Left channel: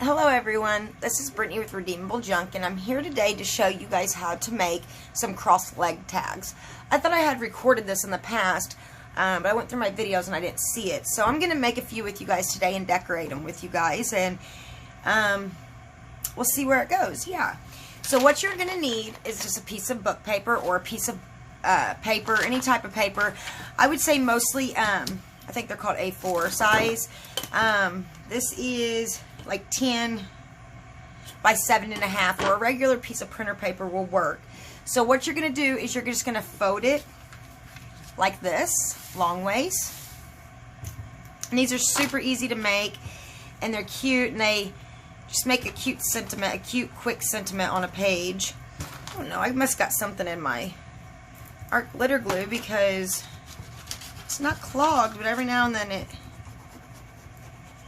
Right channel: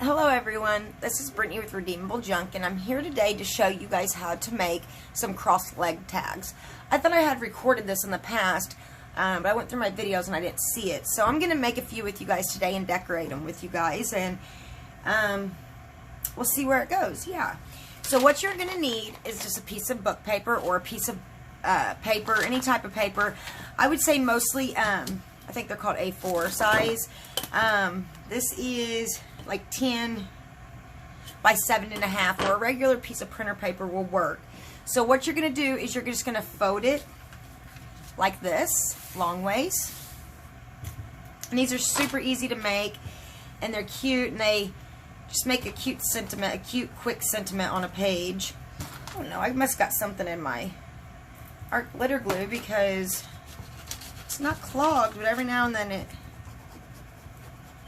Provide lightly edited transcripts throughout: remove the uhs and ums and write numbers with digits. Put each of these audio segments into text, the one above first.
Hello everyone, this is Brittany with Redeemable Junk, and I'm here today to show you guys how to make some cross leg tags. I thought I had recorded this in the past, but I went through my videos and I didn't see it. So I'm going to make a few with you guys today and decorate them with you guys, and we'll see where it goes. Yeah. So what you're going to need is just a piece of book paper or a piece of paper, any type of paper. I would say mostly, I think they're called A4 size. This is like 10 by 7.5, or a regular piece of printer paper will work. So what you're going to do is you're just going to fold it like this, long ways. And these are super easy to make, and they're cute, and they just make a cute sentiment, a cute quick sentiment on a page. Oh no, I must got something in my art glitter glue because it's not clogged, but every now and then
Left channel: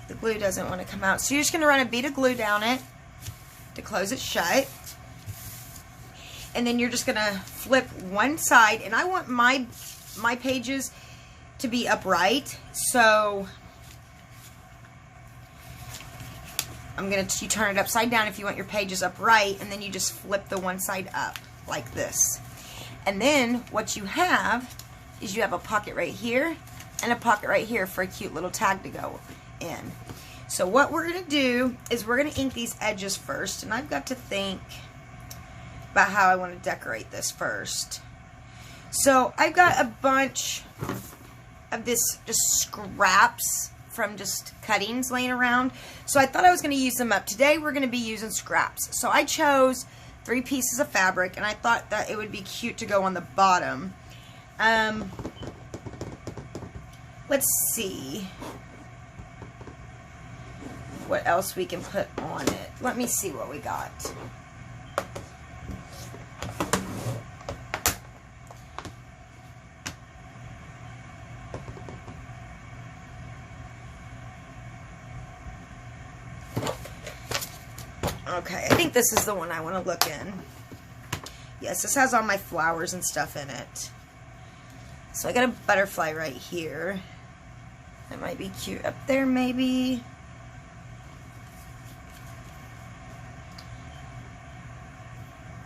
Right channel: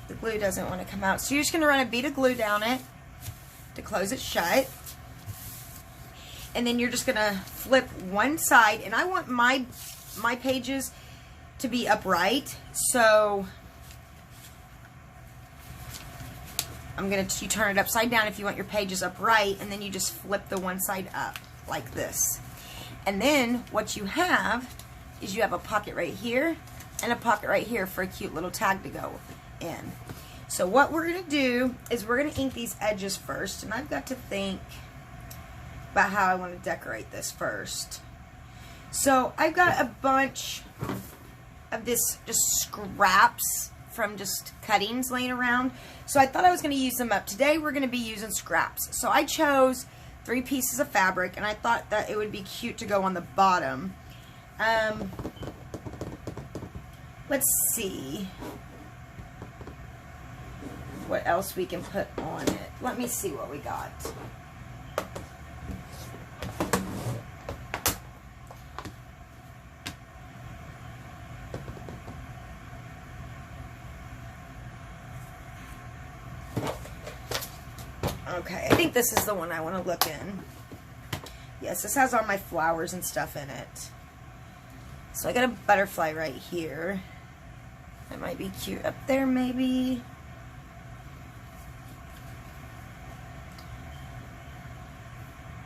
the glue doesn't want to come out. So you're just going to run a bead of glue down it to close it shut. And then you're just going to flip one side. And I want my pages to be upright. So I'm going to, you turn it upside down if you want your pages upright. And then you just flip the one side up like this. And then what you have is you have a pocket right here and a pocket right here for a cute little tag to go in. So what we're going to do is we're going to ink these edges first, and I've got to think about how I want to decorate this first. So I've got a bunch of this just scraps from just cuttings laying around, so I thought I was going to use them up. Today we're going to be using scraps. So I chose 3 pieces of fabric, and I thought that it would be cute to go on the bottom. Let's see what else we can put on it. Let me see what we got. Okay, I think this is the one I want to look in. Yes, this has all my flowers and stuff in it. So I got a butterfly right here. That might be cute up there, maybe.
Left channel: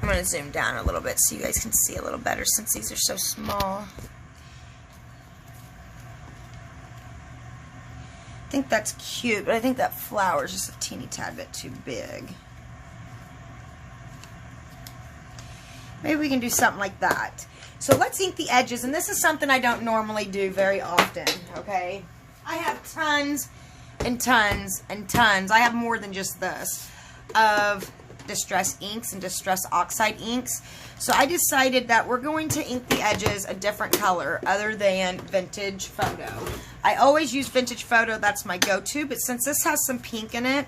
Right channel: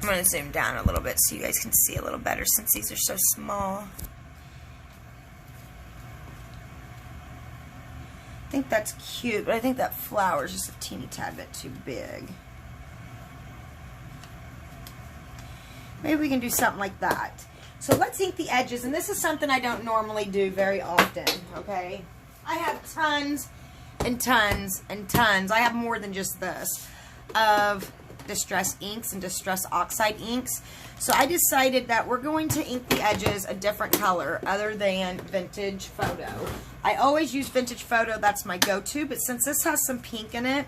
I'm going to zoom down a little bit so you guys can see a little better since these are so small. I think that's cute, but I think that flower is just a teeny tad bit too big. Maybe we can do something like that. So let's ink the edges, and this is something I don't normally do very often, okay? I have tons and tons and tons. I have more than just this of distress inks and distress oxide inks. So I decided that we're going to ink the edges a different color other than Vintage Photo. I always use Vintage Photo, that's my go-to, but since this has some pink in it,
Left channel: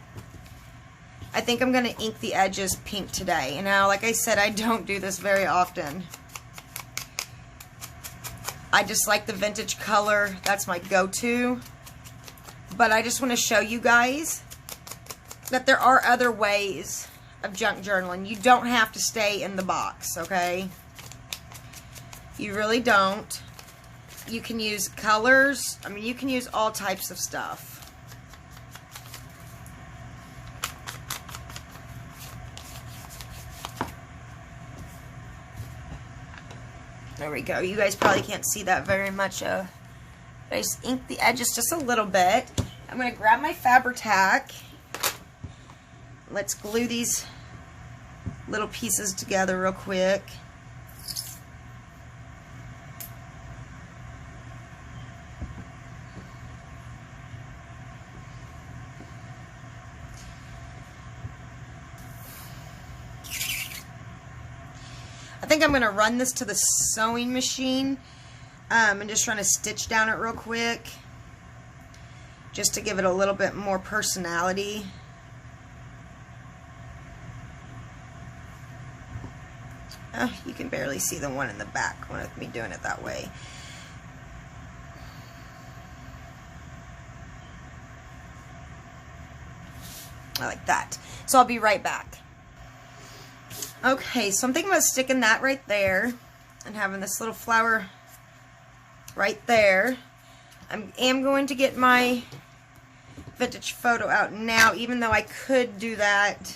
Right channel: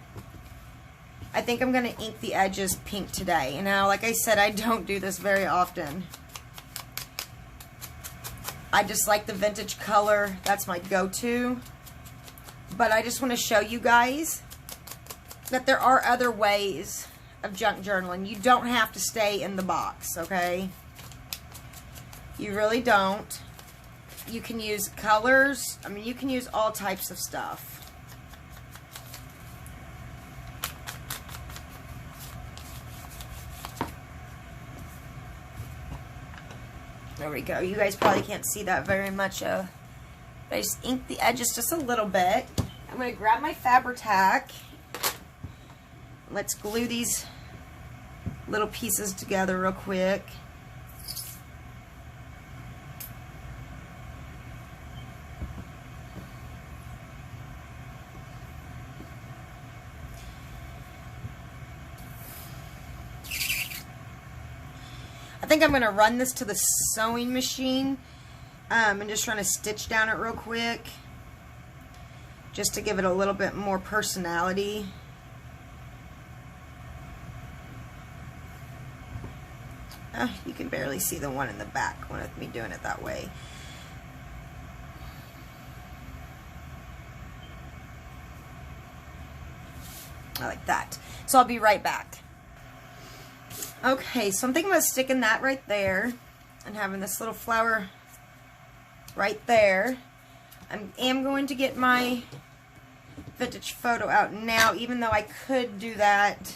I think I'm going to ink the edges pink today. And now, like I said, I don't do this very often. I just like the vintage color, that's my go-to. But I just want to show you guys that there are other ways of junk journaling. You don't have to stay in the box, okay? You really don't. You can use colors. I mean, you can use all types of stuff. There we go. You guys probably can't see that very much. I just ink the edges just a little bit. I'm going to grab my Fabri-Tac. Let's glue these little pieces together real quick. I think I'm going to run this to the sewing machine and just trying to stitch down it real quick just to give it a little bit more personality. You can barely see the one in the back with me doing it that way. I like that. So I'll be right back. Okay, so I'm thinking about sticking that right there and having this little flower right there. I am going to get my vintage photo out now, even though I could do that.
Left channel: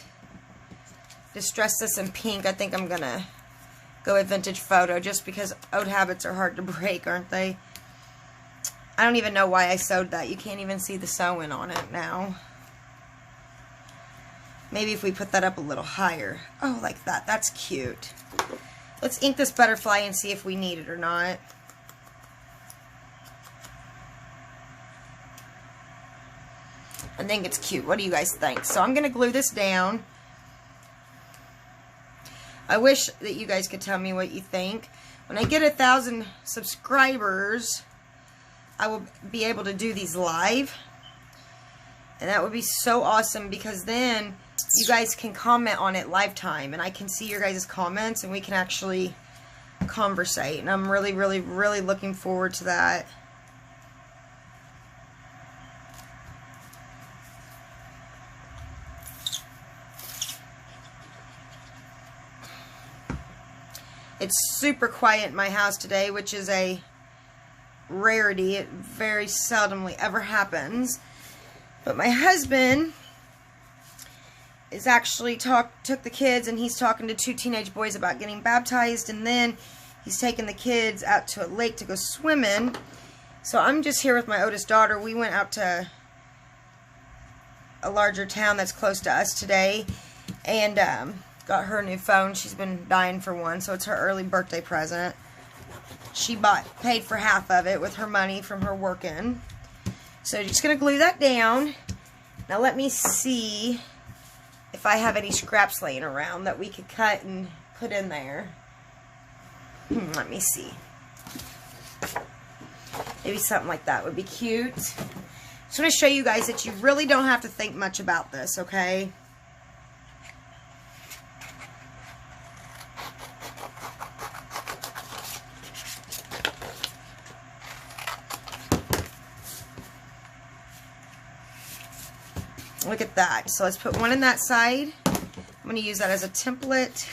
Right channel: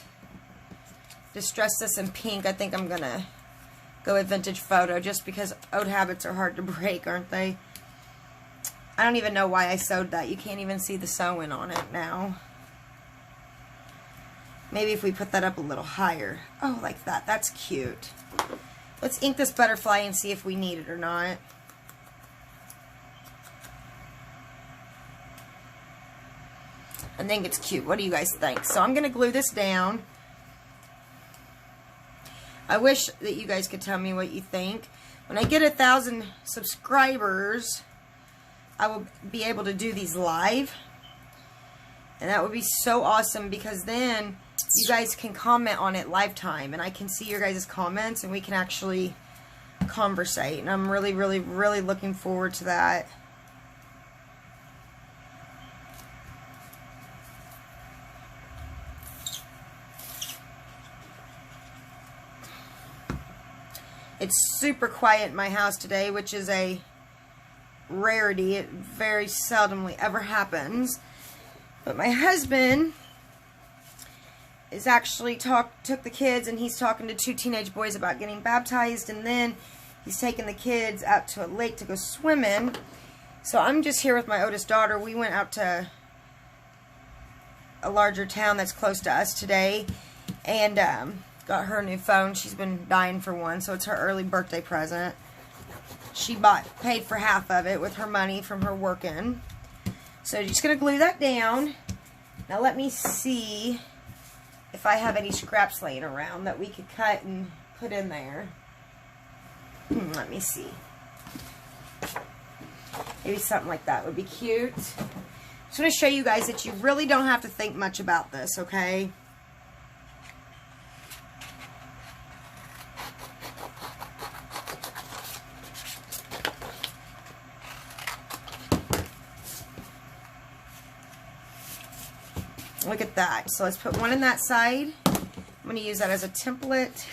Distress this in pink. I think I'm going to go with vintage photo just because old habits are hard to break, aren't they? I don't even know why I sewed that. You can't even see the sewing on it now. Maybe if we put that up a little higher. Oh, like that. That's cute. Let's ink this butterfly and see if we need it or not. I think it's cute. What do you guys think? So I'm going to glue this down. I wish that you guys could tell me what you think. When I get 1,000 subscribers, I will be able to do these live. And that would be so awesome because then you guys can comment on it lifetime. And I can see your guys' comments and we can actually conversate. And I'm really, really, really looking forward to that. It's super quiet in my house today, which is a rarity. It very seldomly ever happens. But my husband is actually took the kids, and he's talking to 2 teenage boys about getting baptized, and then he's taking the kids out to a lake to go swimming. So I'm just here with my oldest daughter. We went out to a larger town that's close to us today, and got her a new phone. She's been dying for one, so it's her early birthday present. She paid for half of it with her money from her working. So just going to glue that down. Now let me see if I have any scraps laying around that we could cut and put in there. Let me see. Maybe something like that would be cute. Just want to show you guys that you really don't have to think much about this, okay? Look at that. So let's put one in that side. I'm going to use that as a template.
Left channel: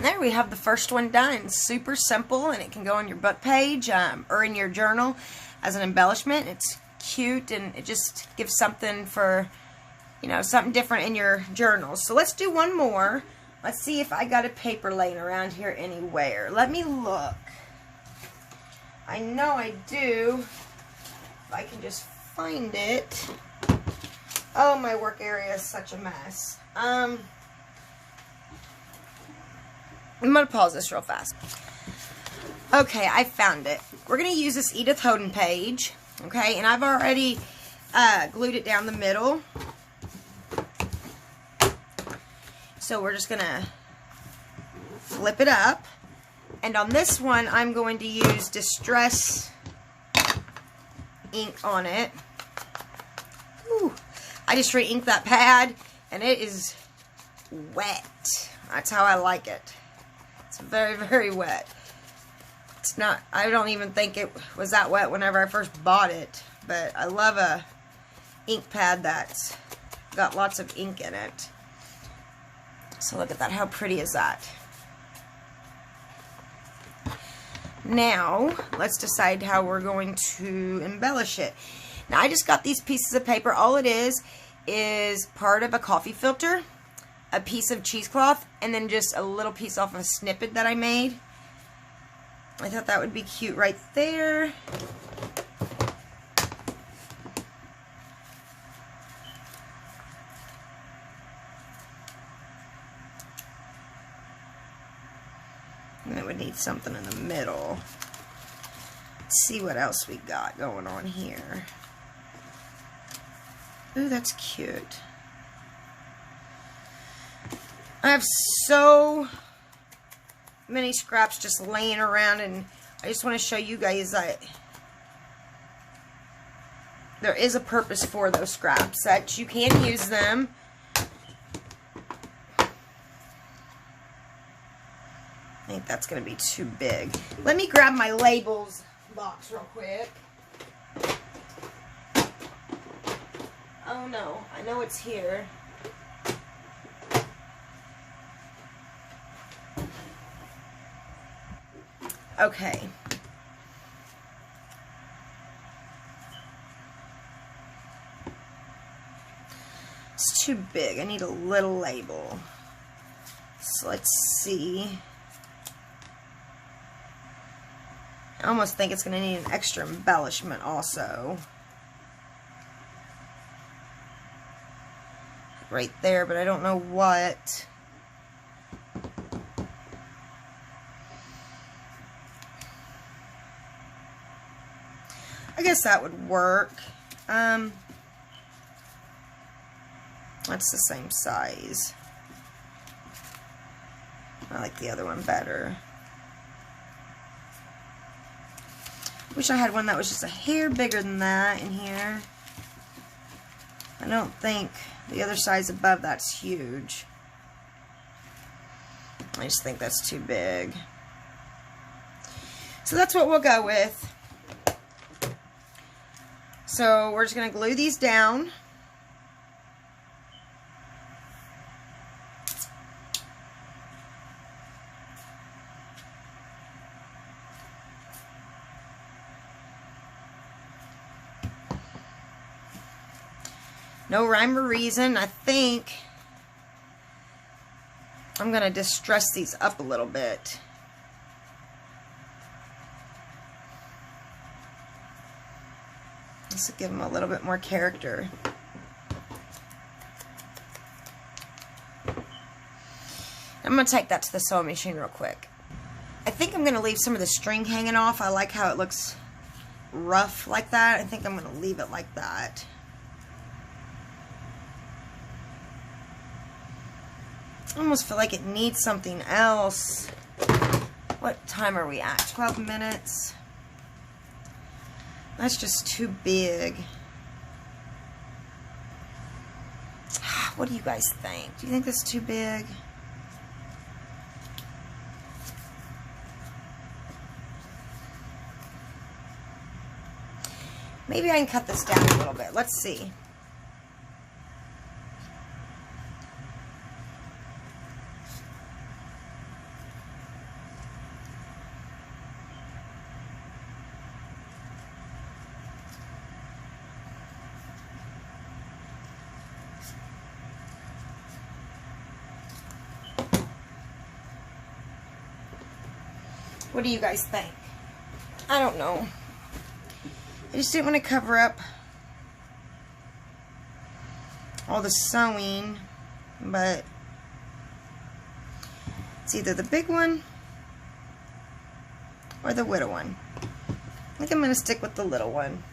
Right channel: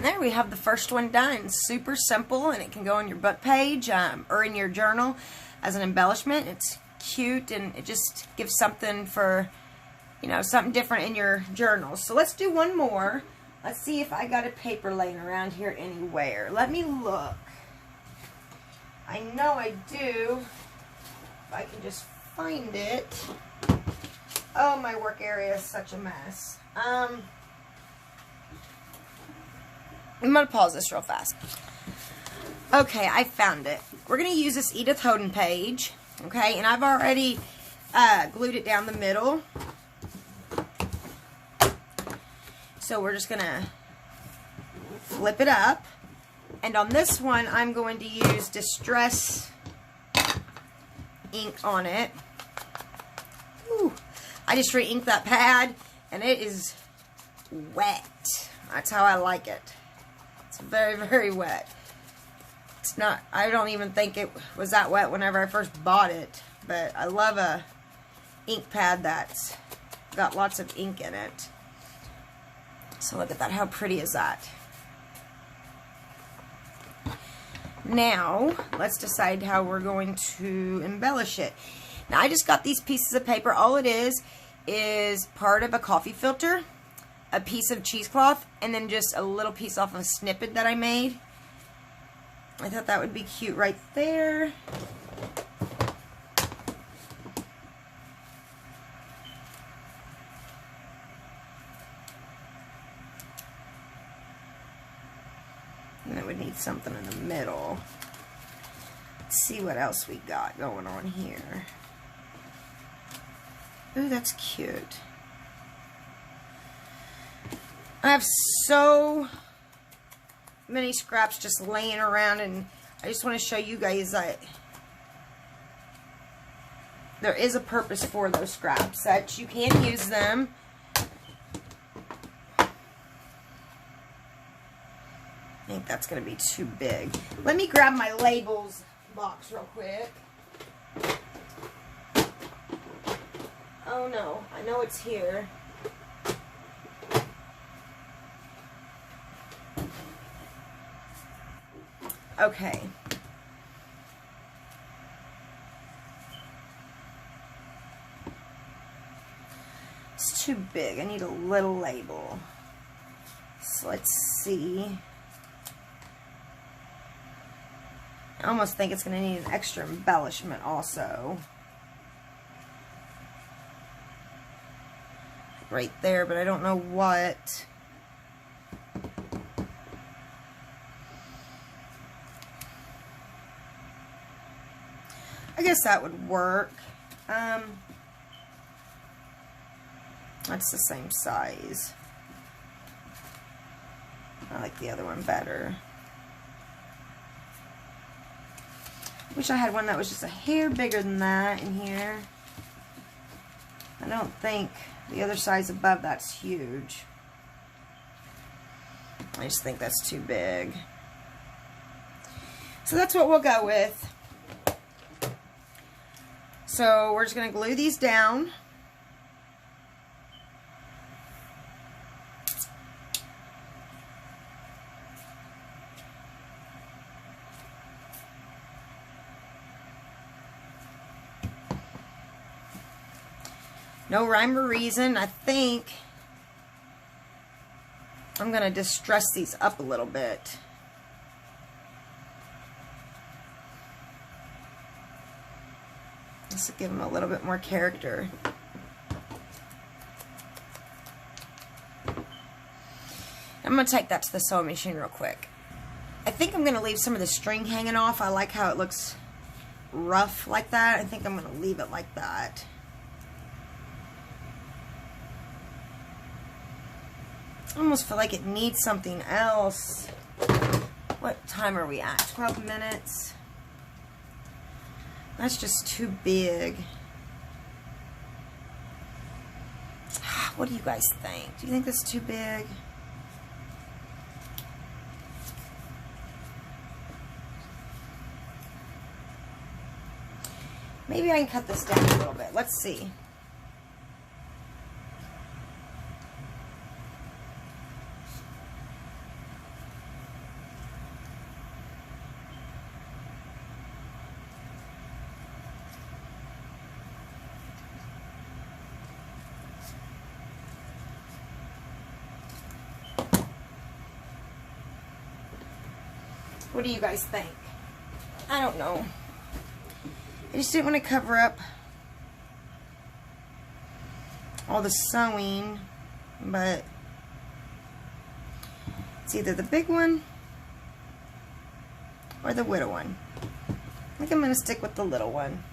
There we have the first one done. Super simple, and it can go on your book page or in your journal as an embellishment. It's cute, and it just gives something for, you know, something different in your journal. So let's do one more. Let's see if I got a paper laying around here anywhere. Let me look. I know I do. If I can just find it. Oh, my work area is such a mess. I'm going to pause this real fast. Okay, I found it. We're going to use this Edith Hoden page. Okay, and I've already glued it down the middle. So we're just going to flip it up. And on this one, I'm going to use Distress ink on it. Ooh, I just re-inked that pad, and it is wet. That's how I like it. Very, very wet. It's not, I don't even think it was that wet whenever I first bought it, but I love a ink pad that's got lots of ink in it. So look at that. How pretty is that? Now let's decide how we're going to embellish it. Now I just got these pieces of paper. All it is part of a coffee filter, a piece of cheesecloth, and then just a little piece off of a snippet that I made. I thought that would be cute right there. And then we need something in the middle. Let's see what else we got going on here. Ooh, that's cute. I have so many scraps just laying around, and I just want to show you guys that there is a purpose for those scraps, that you can use them. I think that's going to be too big. Let me grab my labels box real quick. Oh no, I know it's here. Okay. It's too big. I need a little label. So let's see. I almost think it's going to need an extra embellishment also. Right there, but I don't know what. I guess that would work. That's the same size. I like the other one better. Wish I had one that was just a hair bigger than that in here. I don't think the other size above that's huge. I just think that's too big. So that's what we'll go with. So we're just going to glue these down. No rhyme or reason. I think I'm going to just dress these up a little bit. Just to give them a little bit more character. I'm going to take that to the sewing machine real quick. I think I'm going to leave some of the string hanging off. I like how it looks rough like that. I think I'm going to leave it like that. I almost feel like it needs something else. What time are we at? 12 minutes. That's just too big. What do you guys think? Do you think that's too big? Maybe I can cut this down a little bit. Let's see. What do you guys think? I don't know. I just didn't want to cover up all the sewing, but it's either the big one or the little one. I think I'm going to stick with the little one.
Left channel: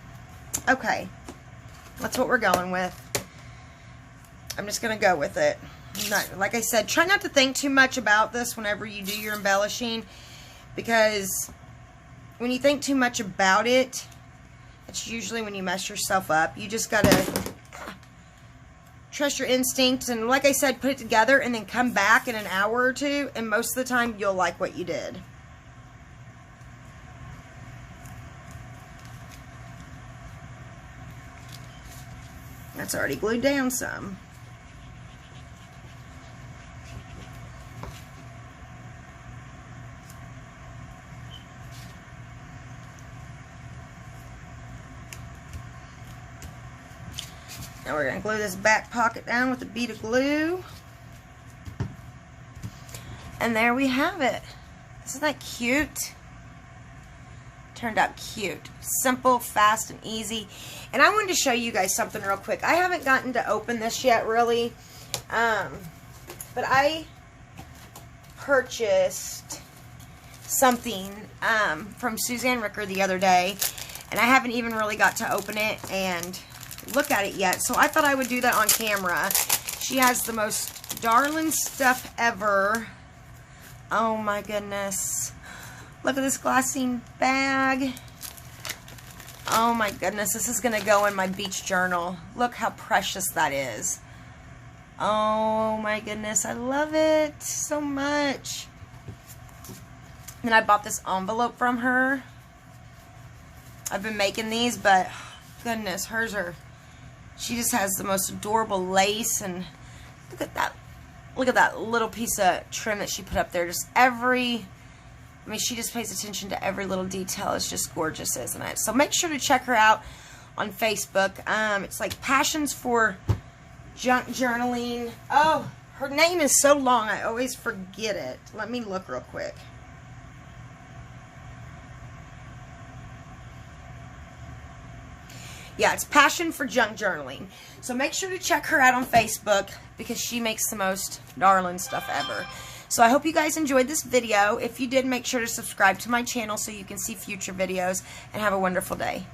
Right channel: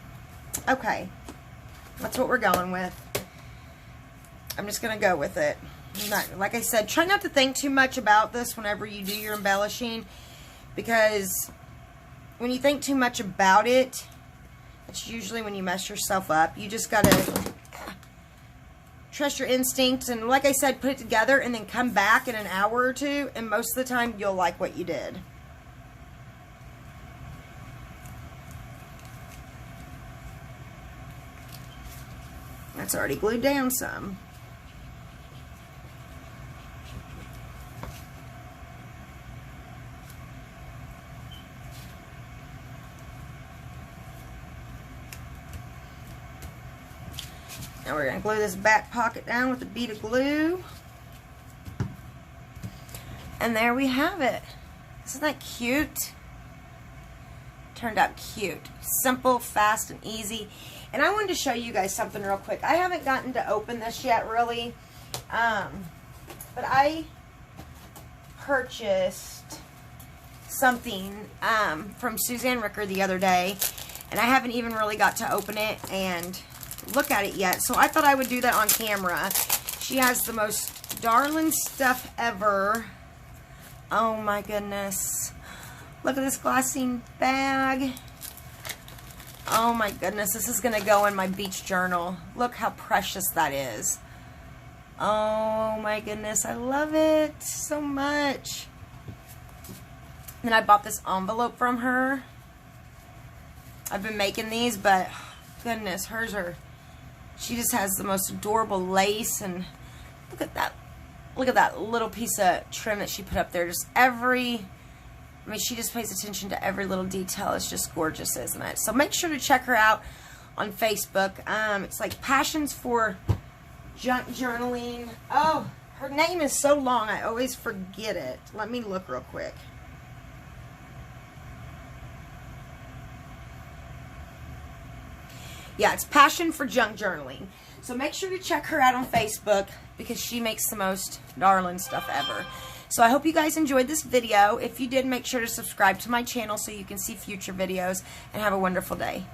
Okay, that's what we're going with. I'm just going to go with it. Like I said, try not to think too much about this whenever you do your embellishing, because when you think too much about it, it's usually when you mess yourself up. You just gotta trust your instincts, and like I said, put it together and then come back in an hour or two, and most of the time you'll like what you did. That's already glued down some. Now we're going to glue this back pocket down with a bead of glue. And there we have it. Isn't that cute? Turned out cute. Simple, fast, and easy. And I wanted to show you guys something real quick. I haven't gotten to open this yet, really. But I purchased something from Suzanne Ricker the other day. And I haven't even really got to open it and look at it yet, so I thought I would do that on camera. She has the most darling stuff ever. Oh my goodness, look at this glassine bag. Oh my goodness, this is gonna go in my beach journal. Look how precious that is. Oh my goodness, I love it so much. Then I bought this envelope from her. I've been making these, but goodness, hers are, she just has the most adorable lace, and look at that little piece of trim that she put up there. Just every, I mean, she just pays attention to every little detail. It's just gorgeous, isn't it? So make sure to check her out on Facebook. It's like Passions for Junk Journaling. Oh, her name is so long, I always forget it. Let me look real quick. Yeah, it's Passion for Junk Journaling. So make sure to check her out on Facebook because she makes the most darling stuff ever. So I hope you guys enjoyed this video. If you did, make sure to subscribe to my channel so you can see future videos, and have a wonderful day.